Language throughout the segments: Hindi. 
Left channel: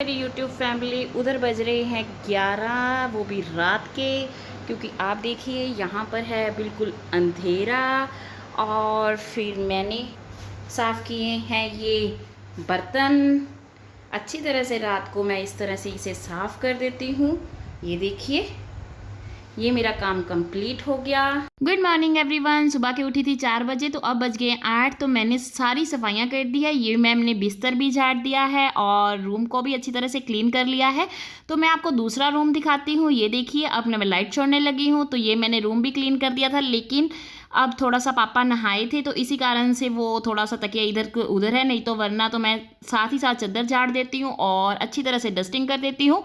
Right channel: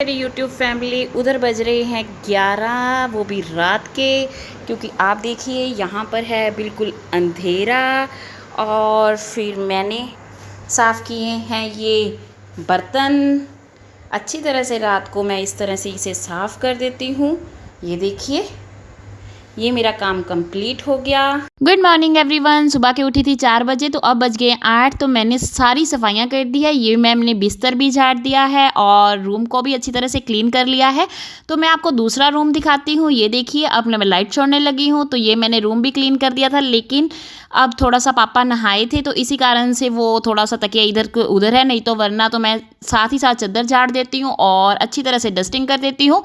मेरी यूट्यूब फैमिली उधर बज रहे हैं 11, वो भी रात के। क्योंकि आप देखिए यहाँ पर है बिल्कुल अंधेरा। और फिर मैंने साफ़ किए हैं ये बर्तन अच्छी तरह से। रात को मैं इस तरह से इसे साफ़ कर देती हूँ। ये देखिए, ये मेरा काम कंप्लीट हो गया। Good morning everyone. सुबह के उठी थी 4 बजे, तो अब बज गए 8। तो मैंने सारी सफाइयाँ कर दी है। ये मैंने बिस्तर भी झाड़ दिया है और रूम को भी अच्छी तरह से क्लीन कर लिया है। तो मैं आपको दूसरा रूम दिखाती हूँ। ये देखिए, अब मैं लाइट छोड़ने लगी हूँ। तो ये मैंने रूम भी क्लीन कर दिया था, लेकिन अब थोड़ा सा पापा नहाए थे तो इसी कारण से वो थोड़ा सा तकिया इधर उधर है। नहीं तो वरना तो मैं साथ ही साथ चादर झाड़ देती हूँ और अच्छी तरह से डस्टिंग कर देती हूँ।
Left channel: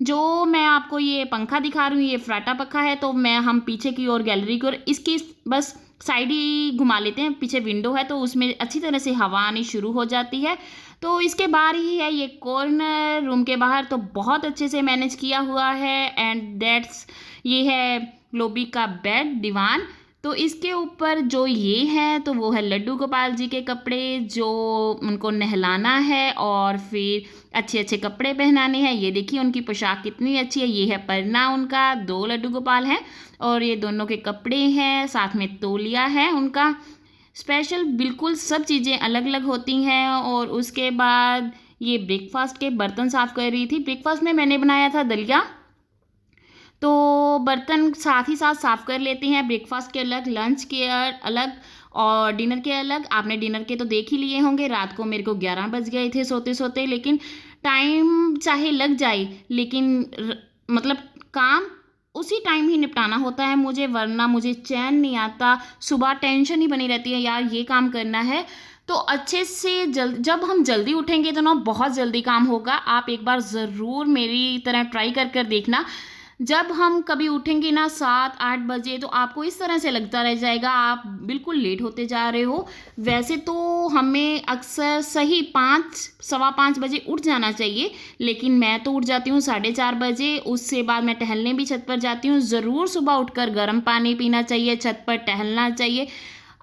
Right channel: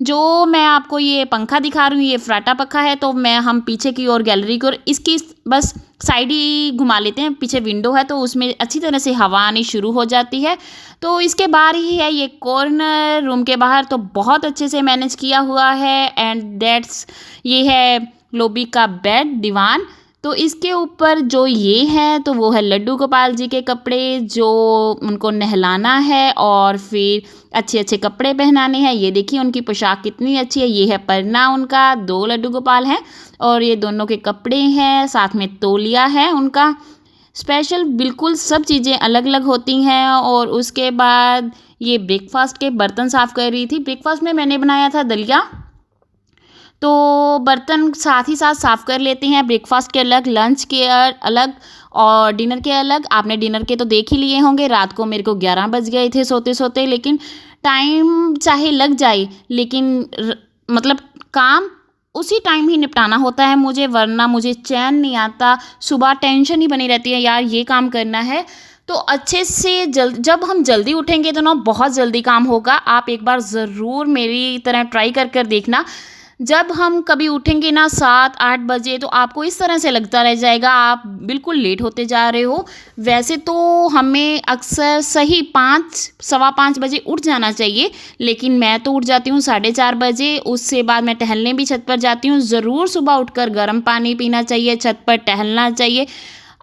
जो मैं आपको ये पंखा दिखा रही हूँ, ये फ्राटा पंखा है। तो हम पीछे की ओर, गैलरी की ओर, इसकी बस साइड ही घुमा लेते हैं। पीछे विंडो है तो उसमें अच्छी तरह से हवा आनी शुरू हो जाती है। तो इसके बाहर ही है ये कॉर्नर, रूम के बाहर तो बहुत अच्छे से मैनेज किया हुआ है। एंड दैट्स, ये है लोबी का बेड, दीवान। तो इसके ऊपर जो ये है तो वो है लड्डू गोपाल जी के कपड़े, जो उनको नहलाना है और फिर अच्छे अच्छे कपड़े पहनाने हैं। ये देखिए उनकी पोशाक कितनी अच्छी है। ये है परना उनका, 2 लड्डू गोपाल हैं और ये दोनों के कपड़े हैं, साथ में तौलिया है उनका स्पेशल। बिल्कुल सब चीज़ें अलग अलग होती हैं। और उसके बाद ये ब्रेकफास्ट के बर्तन साफ़ कर रही थी। ब्रेकफास्ट में मैंने बनाया था दलिया, तो बर्तन साथ ही साथ साफ़ कर लेते हैं। ब्रेकफास्ट के अलग, लंच के अलग और डिनर के अलग। आपने डिनर के तो देख ही लिए होंगे। रात को मेरे को 11 बज गए थे सोते सोते, लेकिन टाइम चाहे लग जाए, लेकिन मतलब काम उसी टाइम ही निपटाना होता है मुझे, वरना मुझे चैन नहीं आता। सुबह टेंशन ही बनी रहती है, यार ये काम करना है। तो अच्छे से जब हम जल्दी उठेंगे तो ना बहुत जल्दी काम होगा। आप एक बार ज़रूर मेरी तरह ट्राई कर देखना। जब हम कभी उठेंगे ना 7-8 बजे, तो आपको इस तरह से लगता रह जाएगा आप बिल्कुल लेट होते जा रहे हो। वैसे तो हमें अक्सर सही 5, सवा 5 बजे उठ जाना चाहिए, लेकिन मैं तो उठ जाती हूँ 4:30 बजे। उससे बाद मैं टहलने भी छत पर जाती हूँ। ज़रूर सुबह उठकर गर्म पानी पीना चाहिए, छत पर टहलना चाहिए।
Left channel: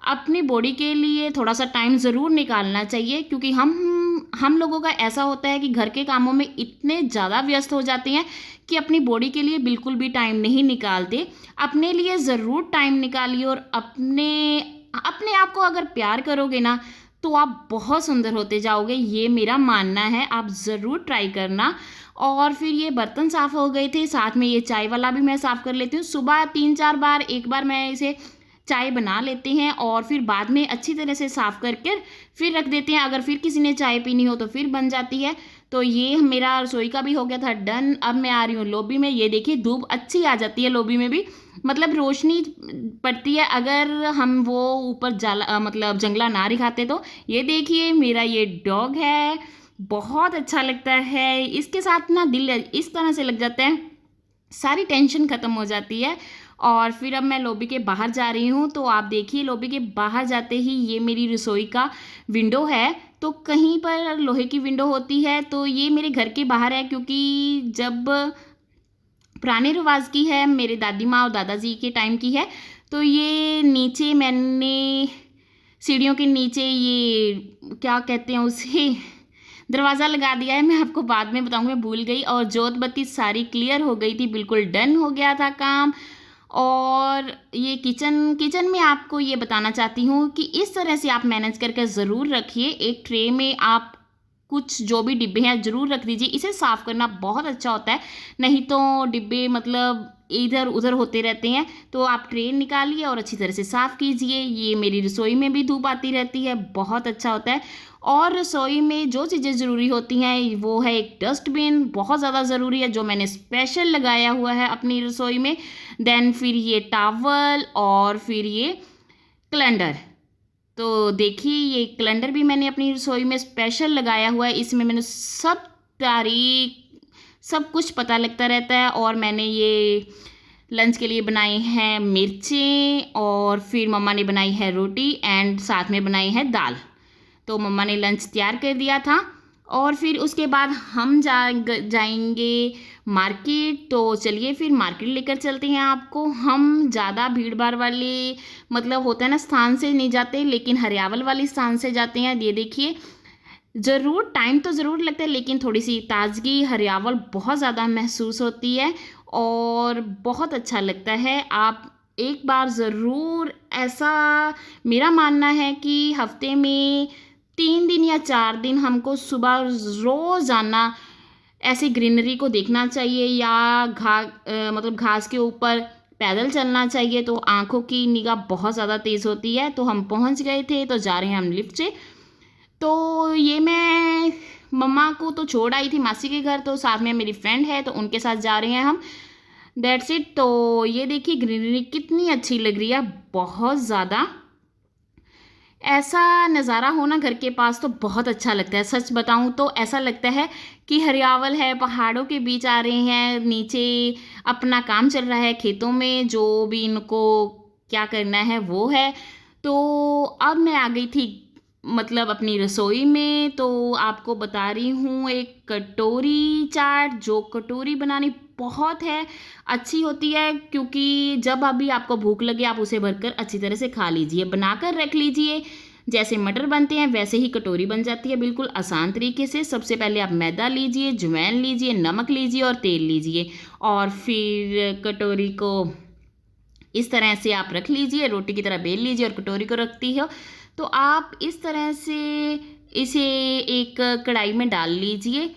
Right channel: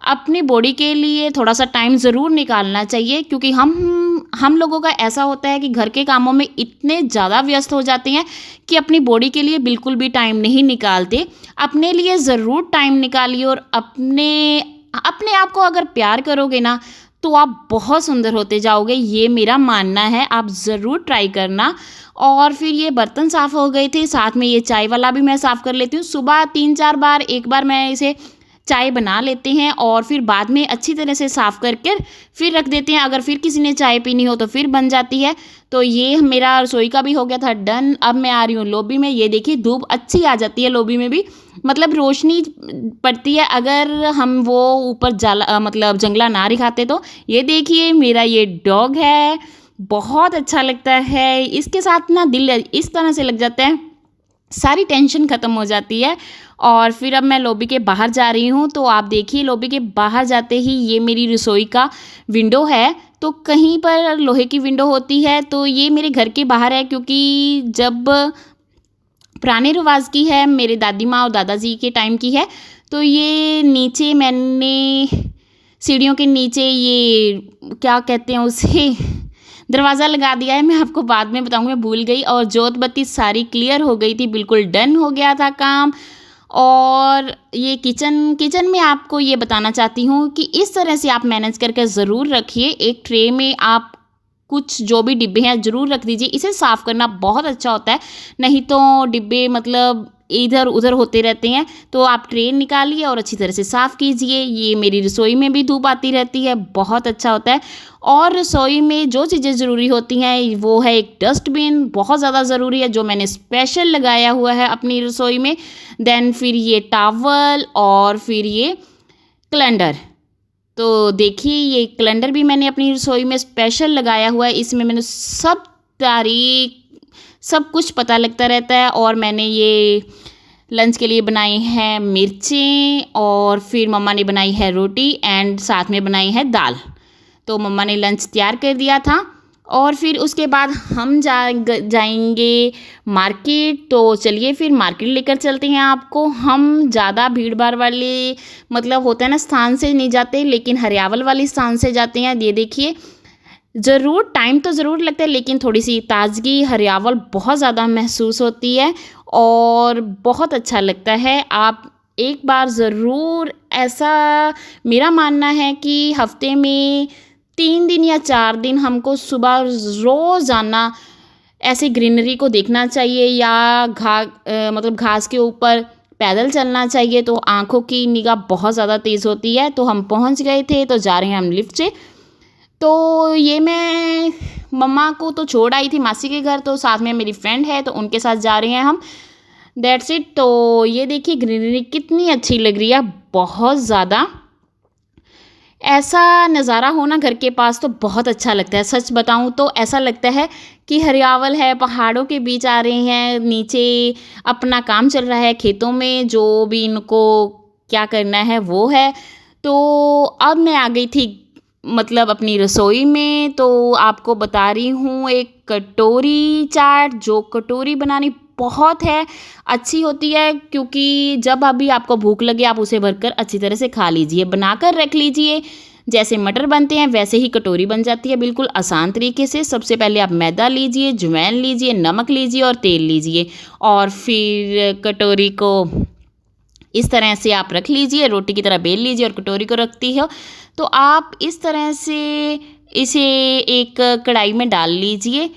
अपनी बॉडी के लिए थोड़ा सा टाइम ज़रूर निकालना चाहिए, क्योंकि हम लोगों का ऐसा होता है कि घर के कामों में इतने ज़्यादा व्यस्त हो जाते हैं कि अपनी बॉडी के लिए बिल्कुल भी टाइम नहीं निकालते। अपने लिए ज़रूर टाइम निकालिए और अपने अपने आप को अगर प्यार करोगे ना, तो आप बहुत सुंदर होते जाओगे। ये मेरा मानना है, आप ज़रूर ट्राई करना। और फिर ये बर्तन साफ़ हो गए थे, साथ में ये चाय वाला भी मैं साफ़ कर लेती हूँ। सुबह 3-4 बार, एक बार मैं इसे चाय बना लेते हैं और फिर बाद में अच्छी तरह से साफ़ करके फिर रख देते हैं। अगर फिर किसी ने चाय पीनी हो तो फिर बन जाती है। तो ये मेरा रसोई का भी हो गया था डन। अब मैं आ रही हूँ लॉबी में। ये देखिए धूप अच्छी आ जाती है लॉबी में भी, मतलब रोशनी पड़ती है अगर हम वो ऊपर जाला मतलब जंगला ना दिखाते तो। ये देखिए मेरा ये डॉग है, बहुत अच्छा लगता है। इसके साथ ना दिल इस तरह से लग जाता है, सारी टेंशन ख़त्म हो जाती है। और फिर अब मैं लॉबी के बाहर जा रही हूँ। तो आप देखिए लॉबी के बाहर जाते ही ये मेरी रसोई का विंडो है। तो कहीं पर लोहे की विंडो होती है, तो ये मेरे घर के बाहर है, क्योंकि जब पुराने रिवाज की है, मेरे दादी माँ और दादाजी के टाइम की है। तो ये नीचे मैंने सीढ़ियों के नीचे ये क्या कहते हैं उसे, दरवाज़ा लगा दिया है। मैं आपको बाद में बताऊँगी, मैं भूल गई। और जोत बत्ती सारी क्लियर हो गई थी, बिल्कुल डन हो गया था काम। और ये किचन में आपको ये बताना चाहती हूँ कि इस तरह से आप मैनेज करके ज़रूर रखिए। एक ट्रे में आप कुछ जो भी डिब्बे हैं ज़रूर रख दीजिए। इसे साफ़ करना बहुत अच्छा होता है, नहीं तो डिब्बे मतलब इधर उधर होते रहते हैं। तो आप ट्रे निकालिए और अच्छी तरह से साफ़ कीजिए। ये मेरी रसोई में भी धूप आती रहती है, बहुत अच्छा होता है। और रसोई में जो चीज़ें ज़रूरी होती हैं वो है एक डस्टबिन, बहुत ज़्यादा ज़रूरी है, जो मैंने स्पेशल लगाया हुआ है अपनी रसोई में। देन फिर ये टावल और फिर ये कैलेंडर। तो देखिए ये कैलेंडर भी मैंने अपनी रसोई में स्पेशल लगाया हुआ है। इसमें मैंने सब तारीख, सब कुछ पता लगता रहता है। और मैंने ये लंच के लिए बनाए हैं मिर्चें, और फिर मम्मा ने बनाई है रोटी एंड साथ में बनाई है दाल। तो मम्मा ने लंच तैयार कर दिया था। और फिर उसके बाद हम जाएंगे मार्केट। तो चलिए फिर मार्केट लेकर चलते हैं आपको। हम ज़्यादा भीड़ भाड़ वाले मतलब होता है ना स्थान से नहीं जाते, लेकिन हरियावल वाले स्थान से जाते हैं। ये देखिए ज़रूर टाइम तो ज़रूर लगता है, लेकिन थोड़ी-सी ताज़गी, हरियावल बहुत ज़्यादा महसूस होती है और बहुत अच्छा लगता है। आप एक बार ज़रूर ऐसा, मेरा मानना है कि हफ़्ते में 3 दिन या 4 दिन हमको सुबह रोज़ाना ऐसे ग्रीनरी को देखना चाहिए या मतलब घास के ऊपर पैदल चलना चाहिए, तो आँखों की निगाह बहुत ज़्यादा तेज़ होती है। तो हम पहुँच गए थे, तो जा रहे हैं हम लिफ्ट से। तो ये मैं मम्मा को तो छोड़ आई थी मासी के घर, तो साथ में मेरी फ्रेंड है तो उनके साथ जा रहे हैं हम, दैट्स इट। तो ये देखिए ग्रीनरी कितनी अच्छी लग रही है, बहुत ज़्यादा। ऐसा नज़ारा हो ना घर के पास तो बहुत अच्छा लगता है। सच बताऊँ तो ऐसा लगता है कि हरियावल है, पहाड़ों के बीच आ रहे हैं, नीचे अपना काम चल रहा है खेतों में, जो भी इनको क्या करना है वो है। तो अब मैं आ गई थी मतलब अपनी रसोई में, तो आपको बता रही हूँ एक कटोरी चाट, जो कटोरी बनानी बहुत है अच्छी होती है, क्योंकि जब अभी आपको भूख लगे आप उसे भरकर अच्छी तरह से खा लीजिए, बनाकर रख लीजिए। जैसे मटर बनते हैं वैसे ही कटोरी बन जाती है, बिल्कुल आसान तरीके से। सबसे पहले आप मैदा लीजिए, अजवाइन लीजिए, नमक लीजिए और तेल लीजिए, और फिर कटोरी को इस तरह से आप रख लीजिए, रोटी की तरह बेल लीजिए और कटोरी को रखती हो तो आप इस तरह से इसे एक कढ़ाई में डाल लीजिए।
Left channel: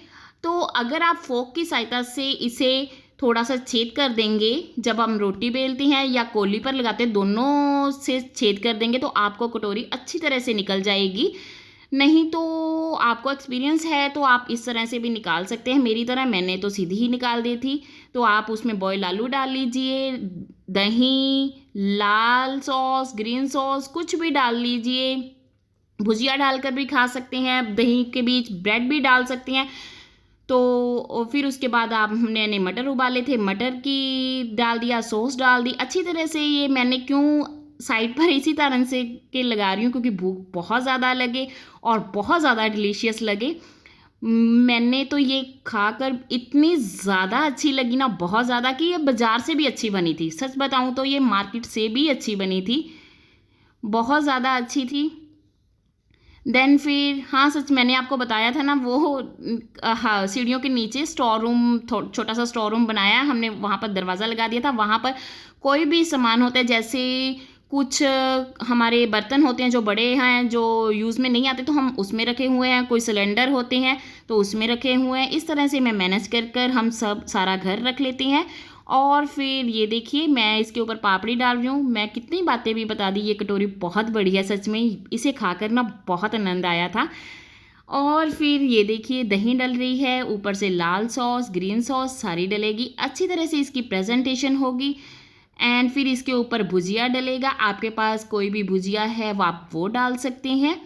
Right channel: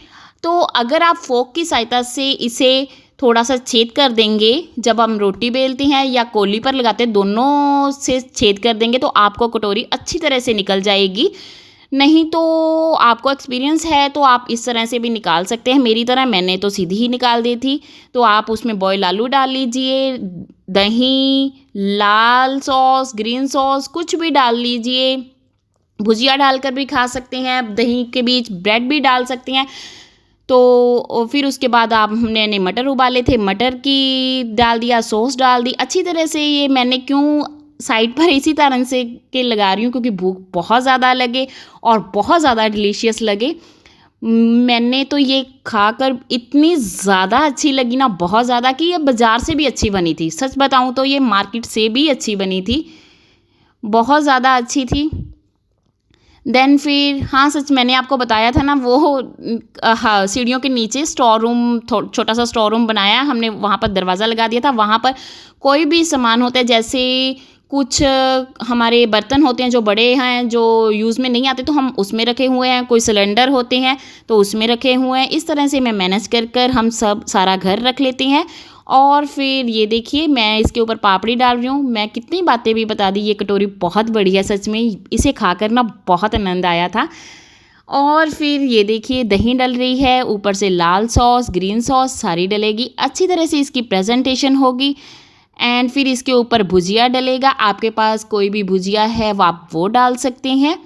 तो अगर आप फोक की सहायता से इसे थोड़ा सा छेद कर देंगे, जब हम रोटी बेलते हैं या कोली पर लगाते हैं, दोनों से छेद कर देंगे तो आपको कटोरी अच्छी तरह से निकल जाएगी। नहीं तो आपको एक्सपीरियंस है तो आप इस तरह से भी निकाल सकते हैं, मेरी तरह मैंने तो सीधी ही निकाल दी थी। तो आप उसमें बॉयल आलू डाल लीजिए, दही, लाल सॉस, ग्रीन सॉस कुछ भी डाल लीजिए, भुजिया डालकर भी खा सकते हैं, दही के बीच ब्रेड भी डाल सकते हैं। तो फिर उसके बाद आप मैंने मटर उबाले थे, मटर की डाल दिया, सॉस डाल दी अच्छी तरह से। ये मैंने क्यों साइड पर इसी तरह से के लगा रही हूँ, क्योंकि भूख बहुत ज़्यादा लगे और बहुत ज़्यादा डिलीशियस लगे। मैंने तो ये खाकर इतनी ज़्यादा अच्छी लगी ना, बहुत ज़्यादा, कि ये बाज़ार से भी अच्छी बनी थी। सच बताऊँ तो ये मार्केट से भी अच्छी बनी थी, बहुत ज़्यादा अच्छी थी। देन फिर हाँ, सच मैंने आपको बताया था ना वो हाँ, सीढ़ियों के नीचे स्टोर रूम, छोटा सा स्टोर रूम बनाया हमने, वहाँ पर दरवाज़ा लगा दिया था। वहाँ पर कोई भी सामान होते हैं, जैसे कुछ हमारे बर्तन होते हैं जो बड़े हैं, जो यूज़ में नहीं आते, तो हम उसमें रखे हुए हैं। कोई सिलेंडर होते हैं तो उसमें रखे हुए हैं। इस तरह से मैं मैनेज कर कर हम सब सारा घर रख लेते हैं। और फिर ये देखिए मैं इसके ऊपर पापड़ी डाल रही हूँ। मैं कितनी बातें भी बता दी, ये कटोरी बहुत बढ़िया, सच में इसे खाकर ना बहुत आनंद आया था। और फिर ये देखिए दही डल रही है, ऊपर से लाल सॉस, ग्रीन सॉस सारी डलेगी, अच्छी तरह से इसकी प्रेजेंटेशन होगी। एंड फिर इसके ऊपर भुजिया डलेगा, आपके पास कोई भी भुजिया है वो आप वो डाल सकते हैं।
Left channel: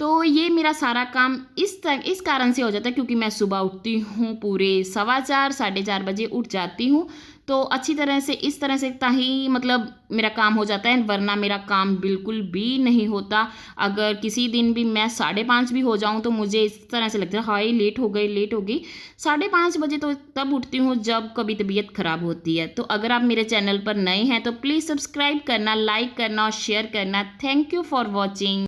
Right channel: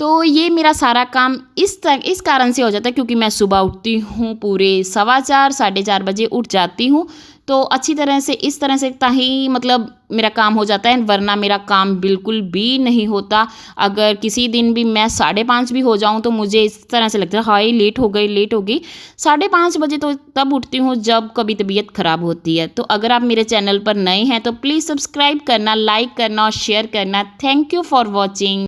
तो ये मेरा सारा काम इस कारण से हो जाता है, क्योंकि मैं सुबह उठती हूँ पूरे 4:15 साढ़े 4 बजे उठ जाती हूँ। तो अच्छी तरह से इस तरह से ताही मतलब मेरा काम हो जाता है, वरना मेरा काम बिल्कुल भी नहीं होता। अगर किसी दिन भी मैं 5:30 भी हो जाऊँ तो मुझे इस तरह से लगता है हाय लेट हो गई, लेट हो गई। 5:30 बजे तो तब उठती हूँ जब कभी तबीयत ख़राब होती है। तो अगर आप मेरे चैनल पर नए हैं तो प्लीज़ सब्सक्राइब करना, लाइक करना और शेयर करना। Thank you for watching.